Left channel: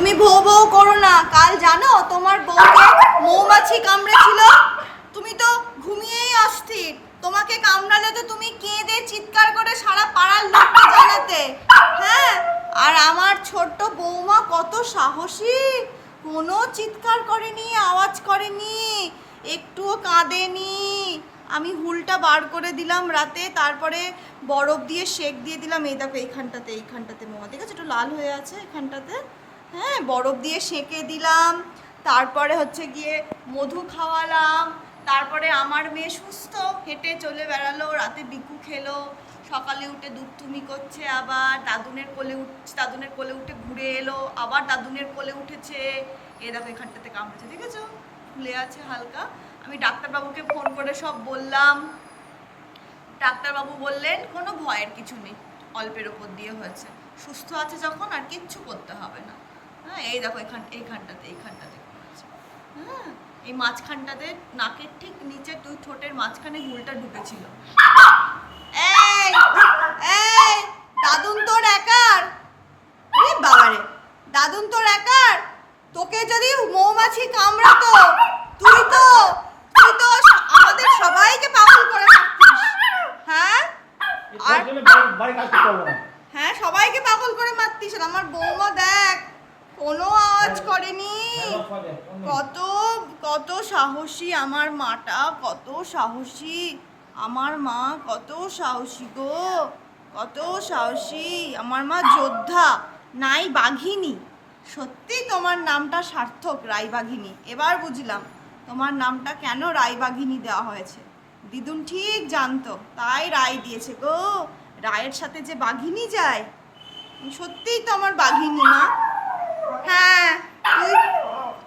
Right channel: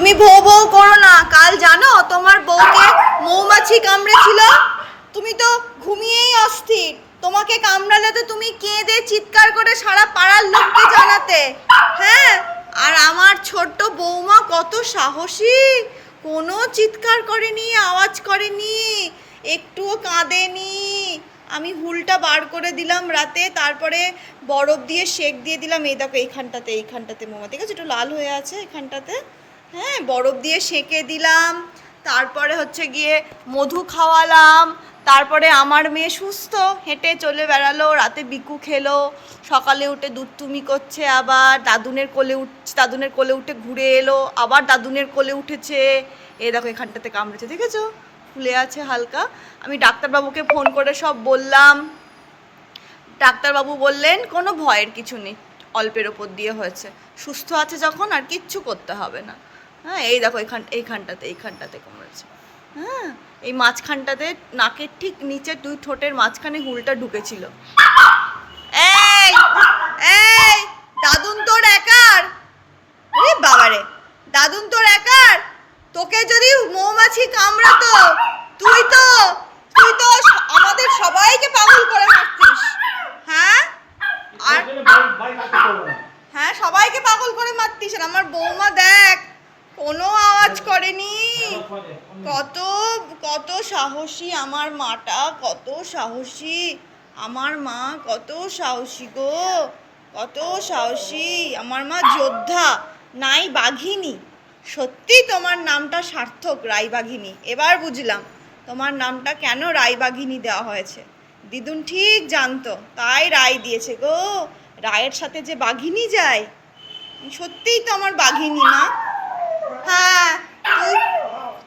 তুমি ভৌ ভৌ করো না। কাল জানো তোমার বউকে মৌমাছি কামড়েছিল? তুমি তো ঘুমিয়েই অস্থির। তোমাকে কামড়ালে তো তুমি কেঁদে চিৎকার করে সারা পাড়ার লোককে জানাতে। হ্যাঁ আর আমার ছোট্ট বৌমা কত সাহসী। কোনো চিৎকার করেনি, আওয়াজ করেনি, একটুও কাঁদেনি। আমি হুলটা বার করে দিলাম রাতে, তারপরে বরফ দিয়ে শেক দিয়ে দিলাম। এই দেখো এইখানটাতে এইখানটাতে মোমা। ঠিক আছে, একটু লাল হয়ে আছে এখানটাতে হ্যাঁ বরফ দিয়ে সেঁকে দিলাম, তারপরে হচ্ছে গিয়ে মধু খাওয়ালাম, তারপরে আমার মেয়ে সুস্থ, হেঁটে চলে বেড়ালো, রাতে বিকু খেলো, সকালে উঠে দুধ তুমি করছে আবার, দাদুনের কোলে উঠ, দাদুনের কোলে উঠে ঘুরে এলো, আবার দাদুনের কোলে উঠেছে এই দেখো এখানটাতে কামড়েছে, দেখেছ? ফুলে আছে হালকা। আমি ডাক্তারবাবুকে ফোন করে সব বললাম। ডাক্তারবাবু বললেন, কোনো ভয়ের কিছু নেই, অল্পের ওপর দিয়ে হয়েছে। সুস্থ আছে যখন আর কিচ্ছু করতে হবে না। হ্যাঁ এই দেখো এইখান এইখানটাতে এইখানটাতে কমেছে হ্যাঁ এই মাঝখানটাতে নাকের ঠিক নিচে দুই ঠোঁটের মাঝখানে হুলটা ঢুকেছিল। এই এই দাদুন তোর একার? এ বাবারে দাদুন তোর একার? তোকে যদি মৌমাছি কামড়াতো তুই তো তুই তো আমাদের সবাইকে পাগল করে মারতিস। হ্যাঁ? আর হ্যাঁ সবাইকে পাগল করে মারতিস আর আমার বৌমা দেখ কোনো আওয়াজ করেনি। কত কত সাহসী আমার মাটা, কত সাহসী আমার মা, কত সাহসী গো, কত সাহসী আমার মা যোদ্ধা, নাই বাঘিনী। সত্যি তোমার নামটা সার্থক রায়বাঘিনী এবার বুঝলাম তোমার নামটা কেন রায়বাঘিনী দেওয়া হয়েছে। দিদুন ঠিক জানতো, তাই রায় দিয়েছে গো। রায়ের সাথে যে বাঘিনী যায়, সত্যিই তো আমার বাঘিনী মা। হ্যাঁ।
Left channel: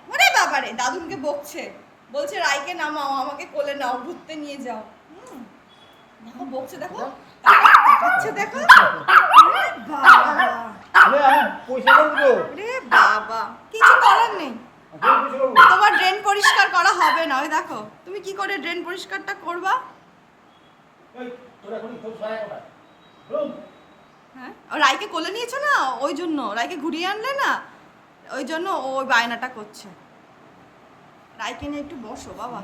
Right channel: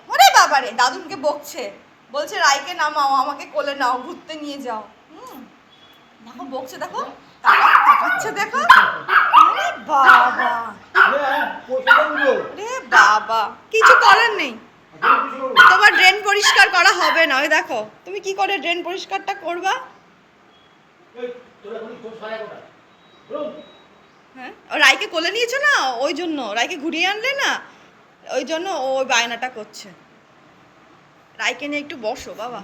ওরে বাবারে, দাদুনকে বকছে। বলছে, রাইকে নামাও, আমাকে কোলে নাও, ঘুরতে নিয়ে যাও। হুম। দেখো, বকছে, দেখো। তাকা- তাকাচ্ছে, দেখো। বাবা। রে বাবা। কিছু করার নেই। তোমার ড্রেন পরিষ্কার করা হবে না। ওই দেখো, তুমি কি করে ড্রেন পরিষ্কারটা করবা? হ্যাঁ? ও রাইকে কোলে নিয়েছো না? ওই জন্য। রাইকে ঘুরিয়ে আনলে না? ওই জন্য ওই বায়নাটা করছে। রাইকে নিয়ে একটু বসো বাবা।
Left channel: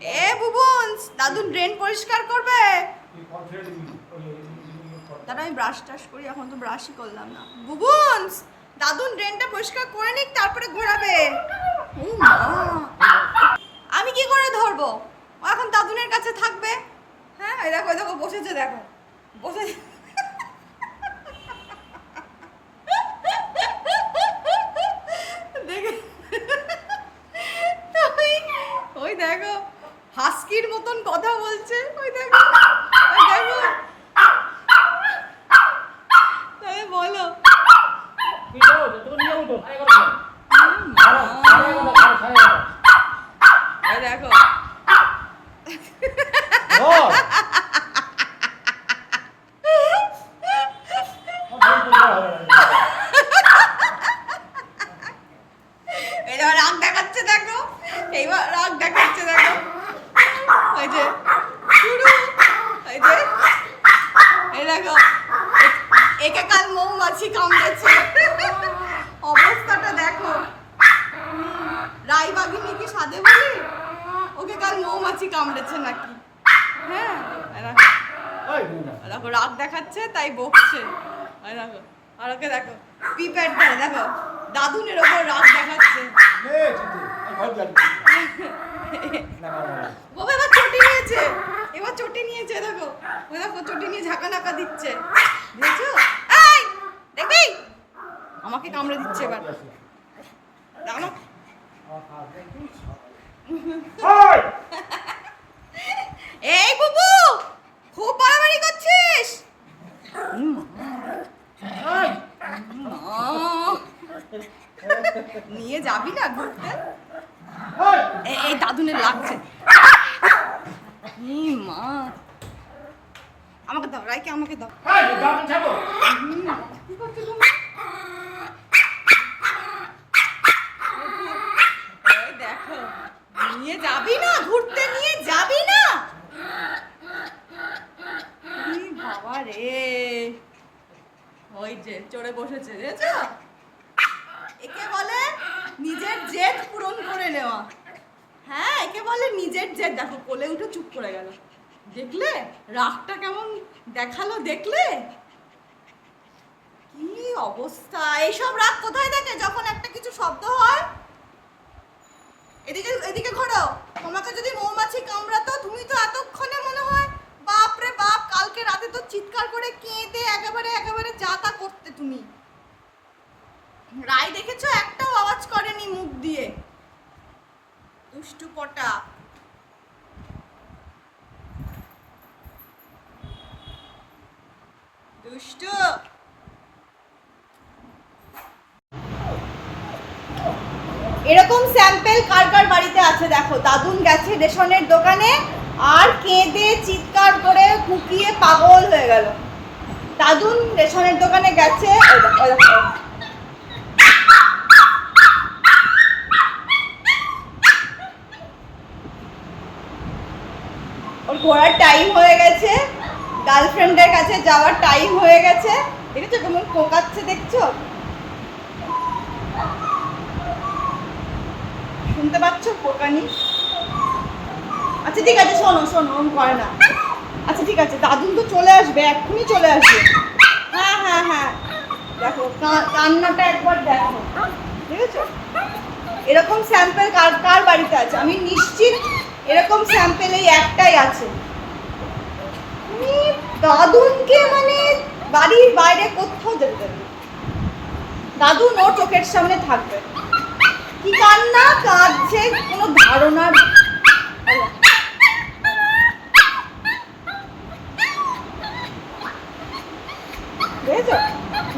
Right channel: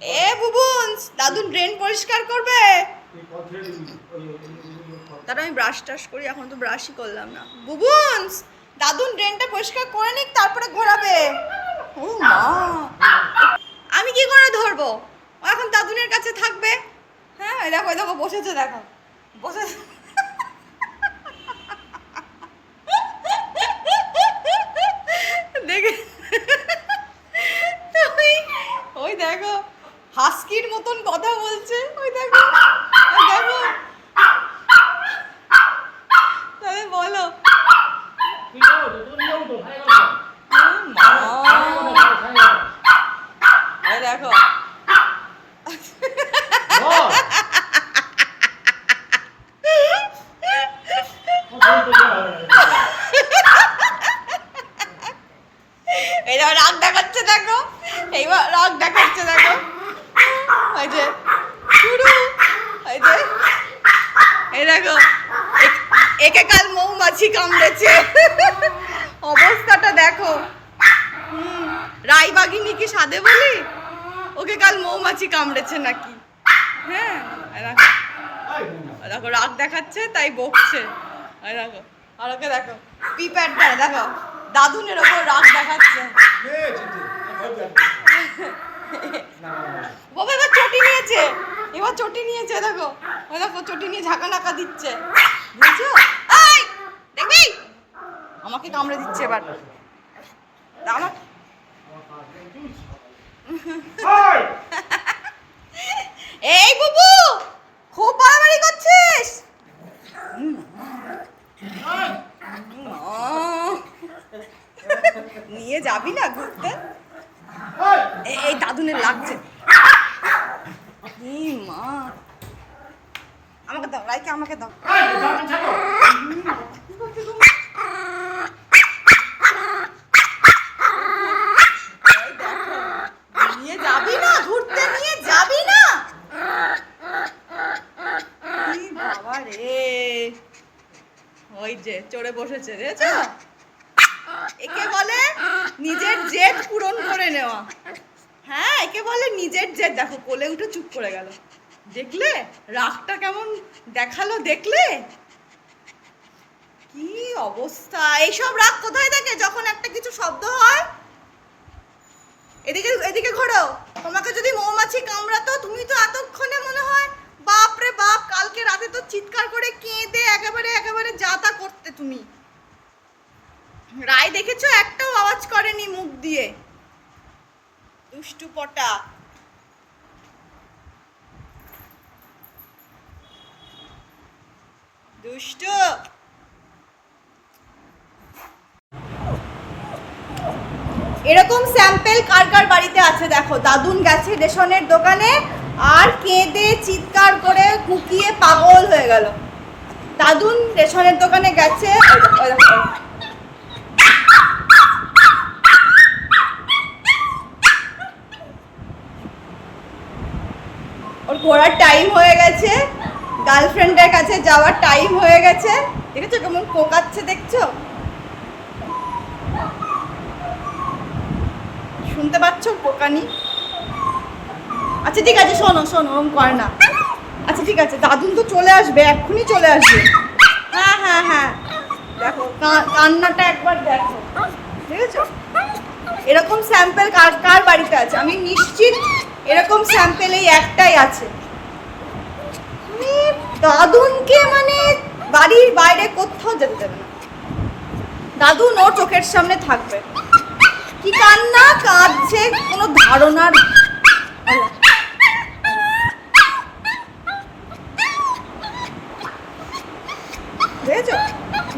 এ বুবুন্স দাদুন ড্রেন পরিষ্কার করবে। তারা আমি ব্রাশ টাশ করি এখন তো ব্রাশই করলাম না। বুবুন্স দাদুন ড্রেনটা পরিষ্কার করে নিক তারপরে ঘোরাবে। ও মা। আমি কি করে ধরবো? ও এখন দাদুনের কাছে থাকবে। হ্যাঁ দেখো ওই দেখো বসেছে দেখো। বসে দেখে ওই- ওই দেখো হাস্কির মতন কথা বলছে। ওই দেখো দেখো। তবে বলো। দেখো এই দেখো রাগ দেখাচ্ছে দেখো এইবার রাগ দেখাচ্ছে, দেখো। ওই যে, শুরু। ওই যে, এই দেখো, একে কাল মৌমাছি কামড়েছে। অবস্থাটা দেখো। রায়বাগিনী কি সাদে বলি? ওকে কাল মৌমাছি কামড়েছে নাকি? হ্যাঁ দেখো। রাগ দেখাচ্ছে, তাই বকছে। দেখো, আর ওকে দেখো, পিপ্যাডটা, দেখো। দাদুনের ওপর রাগ দেখাচ্ছে। বাবা এবার চটি নিয়েছে। এবার চটি নিয়েছে দেখো। ওই দেখো চটি নিয়ে ঝাঁকা নাকা দিচ্ছে। বুঝছ? এই দেখবি? আমাকে কামড়ে দিচ্ছে এবার। দাঁড়া এই বুবু খুব বাড়াবাড়ি করছিস। নিয়ে যাবি না ঘুরতে? এই দাদুনের লাগছে। মা। আমাকে দাও রাইকে আমাকে দাও। দেখো নিয়ে যাবি না ঘুরতে নিয়ে যাবি না। বাবা রে। ওই যে চড়ে বসেছে দেখেছ? একে বলে নিজের জেদ পূরণ করে নেওয়া। হ্যাঁ একে বলে নিজের জেদ। দেখো, কোলে উঠে চুপ করে গেল। দেখলে? রাগটা কেমন দেখাল, দেখলে? কি অবস্থা? এইসব রাগ কোথায় থাকে যখন একটা কিছু শব্দ হয়? এদিকে এদিকে ঘোরো তোমাকে যদি মৌমাছি কামড়াতো, তুমি তো এতক্ষণে মনে হয়, বাপ রে বাপ, কালকে রাতে তো চিৎকার করে কেঁদে একেবারে একেবারে যা তা করতে তুমি। রায় দেখেছ? একটাও আওয়াজ দিয়ে দুষ্টু পটা দুষ্টু। এরকম স্যাম্পেল কার কার বাড়িতে আছে দেখো? দাদুন গেছে রেশনের দোকানে আর কেঁদে চিৎকার করে কুকিয়ে পাগল হয়ে গেল। দাদুন রেশনের দোকানে গেছে ওই দেখো, ওই দেখো। ওর ঘোরার টাইম হয়ে গেছে। গার্লফ্রেন্ডের কাছে যাওয়ার টাইম হয়ে গেছে। দেখেছ কেমন পোকাচ্ছে দেখছ? শুনতে পাচ্ছ পোকানি? আচ্ছা ঠিক আছে, শোনো শোনো, ওরম করে না। আচ্ছা ঠিক আছে, দাদুন তো চলে আসবে, এক্ষুনি চলে আসবে। হ্যাঁ হ্যাঁ হ্যাঁ। দেখো কান্নাটা একবার দেখো। বুঝেছ এরকম স্যাম্পেল কার কার বাড়িতে আছে? আমি স্যাম্পেল এই একটাই আছে। দাদুনকে মানে বাড়ির বাইরে কোথাও যেতে দেবে। দাদুন ওর চোখের সামনে থাকবে। কি কান্না, কাঁদছে, কোনো ধারণার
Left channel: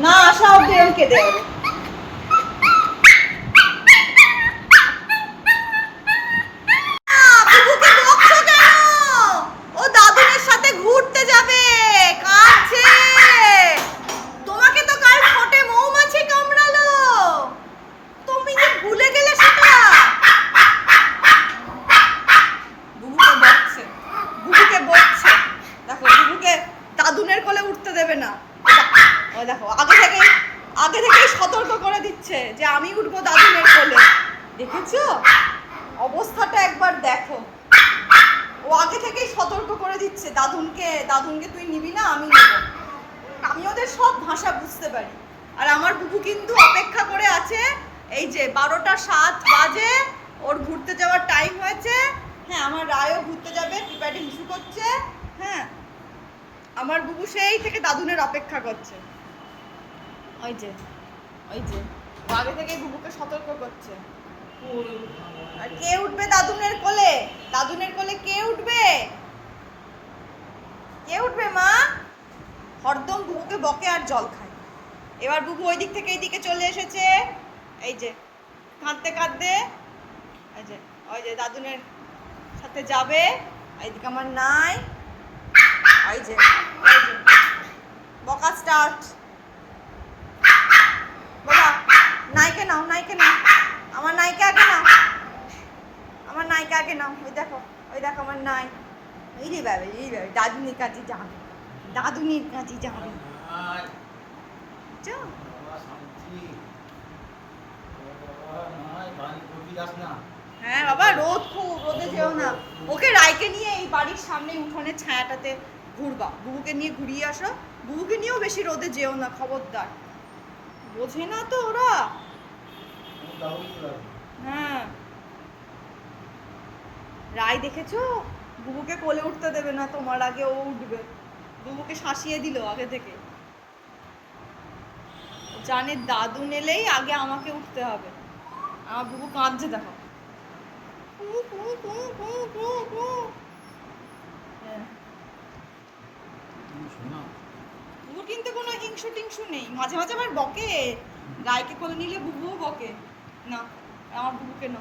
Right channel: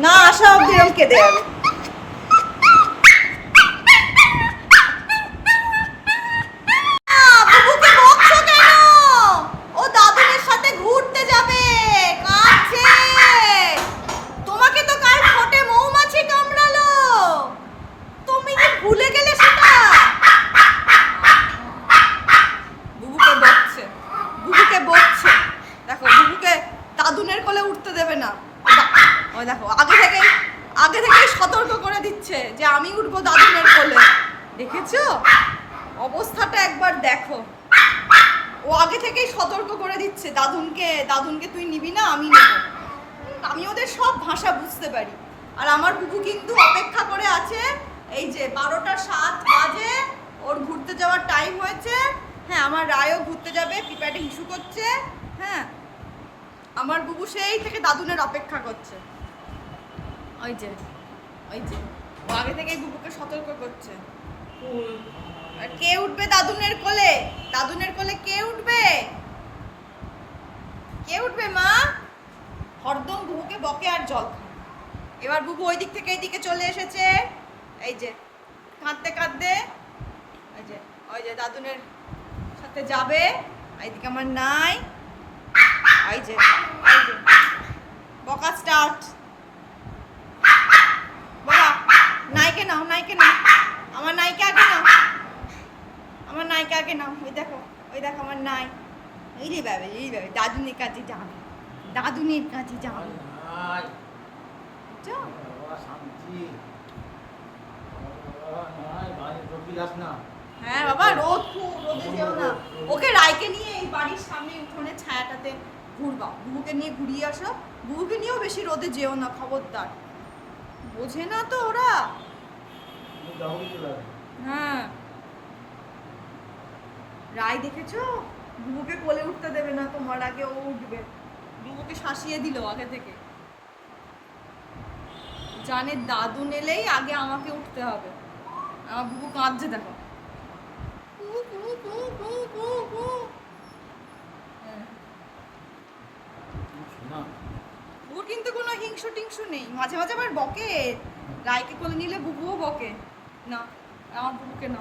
না আসা অব্দি এরকম কেঁদে যাবে আহ, বুবুকে বকছো কেন? ও দাদুনের সাথে ঘুরতে যাবে কাঁদছে তোমাকে তো কাল ঠোঁটে মৌমাছি কামড়ালো তুমি কি ভুলে গেলে সেটা? বুবুকে বকছে বুবুকে বকছে। দেখো বুবুকে দাদুনের কোলে উঠতে দেবে না। ওই দেখো, আগে থেকেই আগে থেকেই সতর্ক করে দিচ্ছে যে আমি উঠবো দাদুনের কোলে। দেখেছ? অবস্থাটা একবার দেখো। ও আগে থেকেই সতর্ক করে দিচ্ছে দাদুনকে দাদুনকে তুই নিবি না আমি নেব। আমি ওদের সব ভাষা বুঝতে পারি। আর আমার বুবু কিন্তু অপেক্ষা করে আছে এই যে বারোটা সাত বাজে, ওর ঘুরতে যাওয়ার টাইম হয়েছে। হ্যাঁ আমার রায়ও ঘুরতে যাবে, পিপাটে হিসু করছে। হ্যাঁ আমার বুবু সেই থেকে দাদুনের অপেক্ষা করছে। ওই যে ওই যে, ও আগে থেকেই বুবুকে সতর্ক করছে। আর কে উঠবে দাদুনের কোলে? দাদুনের কোলে কে উঠবে? কে উঠবে, মা? হরদম বুবুকে বকে আর জল খায়। এবার বুবু ওই দিক থেকে এইদিকে চলে এসেছে। এই যে কাঁদতে কাঁদতে ওই যে ওই যে দাদুনের সাথে যাবে এইদিকে আমার নাই ওই যে ওই যে বকা স্টার্ট বাবা নাইকে নাও নাইকে নাও আমার নাইকে আগে নাও আমার নাইকে আগে নাও ওই দেখো ওই দেখো আমার নাই। এই রে বাবা এই বাবা দাদুনির কাছে যাবে দাদুনির কাছে যাবে। নাই, যাও বাবা, শান্তি। বাবা, নাই, বাড়ি ঢুকি যাস না। হ্যাঁ বাবা রোদ খুব রোদে যেও না। ওকে রায়কে নিয়ে এই বাড়ির সামনে উঠোনের ছায়াটাতে ঘুরবা। বুবুকে নিয়ে ঘুরিয়ে আসো। বুবুকে নিয়েও বেশি রোদে যেও না খবরদার। বোঝে না তো ওরা। হ্যাঁ। রায় দেখেছ? বুবুকে কোলে উঠতে দেবে না তোমার আগে ও উঠবে। বুবুকে শাসিয়ে দিল আগে থেকে। জানে দাদু নেলেই আগে আমাকে উঠতে হবে। আমার বুবু কাঁদছে দেখো। হ্যাঁ, বুবুর কিন্তু কোনো হিংসু টিংসু নেই। মাঝে মাঝে আবার বকে। রায়কে কোলে নিলে বুবুও বকে। না আমার বুবুকে না।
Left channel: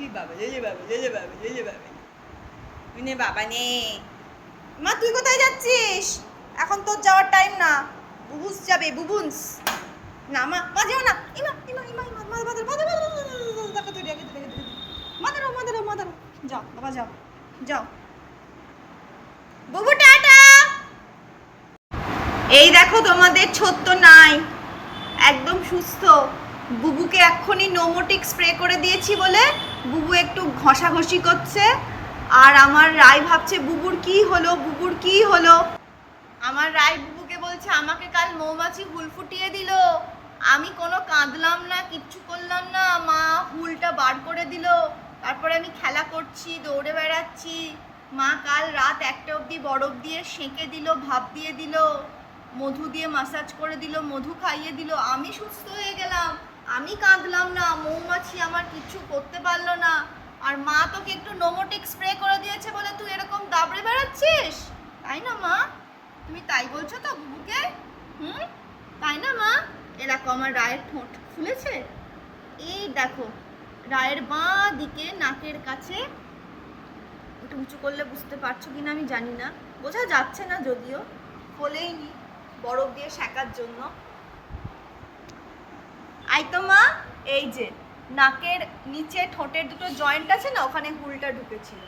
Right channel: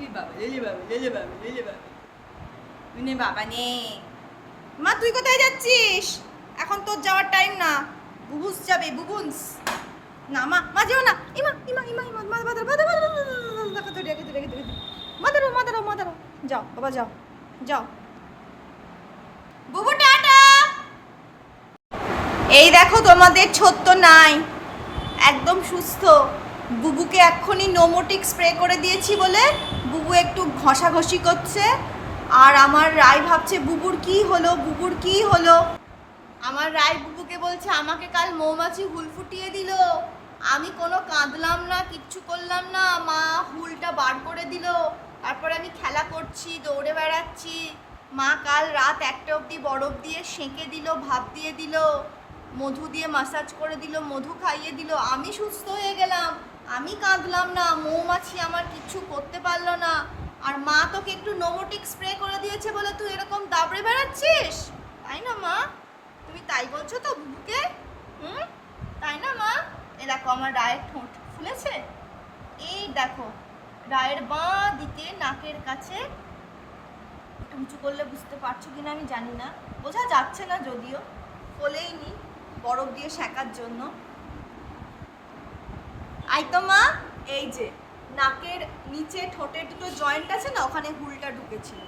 এই বাবা যে যে বাবা যে যে বাবা যে যে বাবা। নে বাবা নে। মা তুই কোথায় যাচ্ছিস? এখন তোর যাওয়ার টাইম না। বুবুস যাবে বুবুন্স। বাবা বুবু, টাটা! এই দেখো তোমাদের ছোট্ট নাই। একদম সুস্থ। বুবুকে এক্ষুনি নোমোটিক স্প্রে করে দিয়েছি বলে বুবু একটু ঘষাঘষি করছে। আর আমার রায় ভাবছে, বুবুর কি হলো? বুবুর কি হলো? আমার রায় বুবুকে বলছে, আমাকে কাল মৌমাছি হুল ফুটিয়ে দিল। আমি কোনো কাঁদলাম না, কিচ্ছু করলাম না। মা হুলটা বার করে দিল। তারপরে আমি খেলা করছি, দৌড়ে বেড়াচ্ছি। মা কাল রাত একটা অবধি বরফ দিয়ে সেঁকে দিল, ভাপ দিয়ে দিল। মধু দিয়ে মাসাজ করে দিল, মধু খাইয়ে দিল। আমি সুস্থ হয়ে গেলাম। আমি কাঁদলাম না, মৌমাছি আমার কিচ্ছু করতে পারল না। আর মা তোকে একটু নোমোটিক স্প্রে করে দিয়েছে বলে তুই এরকম দাবড়ে বেড়াচ্ছিস? তাই না মা? তুমি তাই বলছো তো, বুবুকে? হুম? তাই না, মা? এ দেখো, আমার রায়ের ঠোঁট ফুলেছে। এই দেখো, রায়ের বাঁ দিকে নাকের কাছে। একটু উঁচু করলে বুঝতে পারছ কিনা আমি জানি না। বোঝা যাচ্ছে না যদিও, ফোলেইনি বরফ দিয়ে সেকার জন্য। আই তো মা, এই যে, নাকের নিচে ঠোঁটের দুটো জয়েন্ট আছে না, ওখানে হুলটা ঢুকেছিল।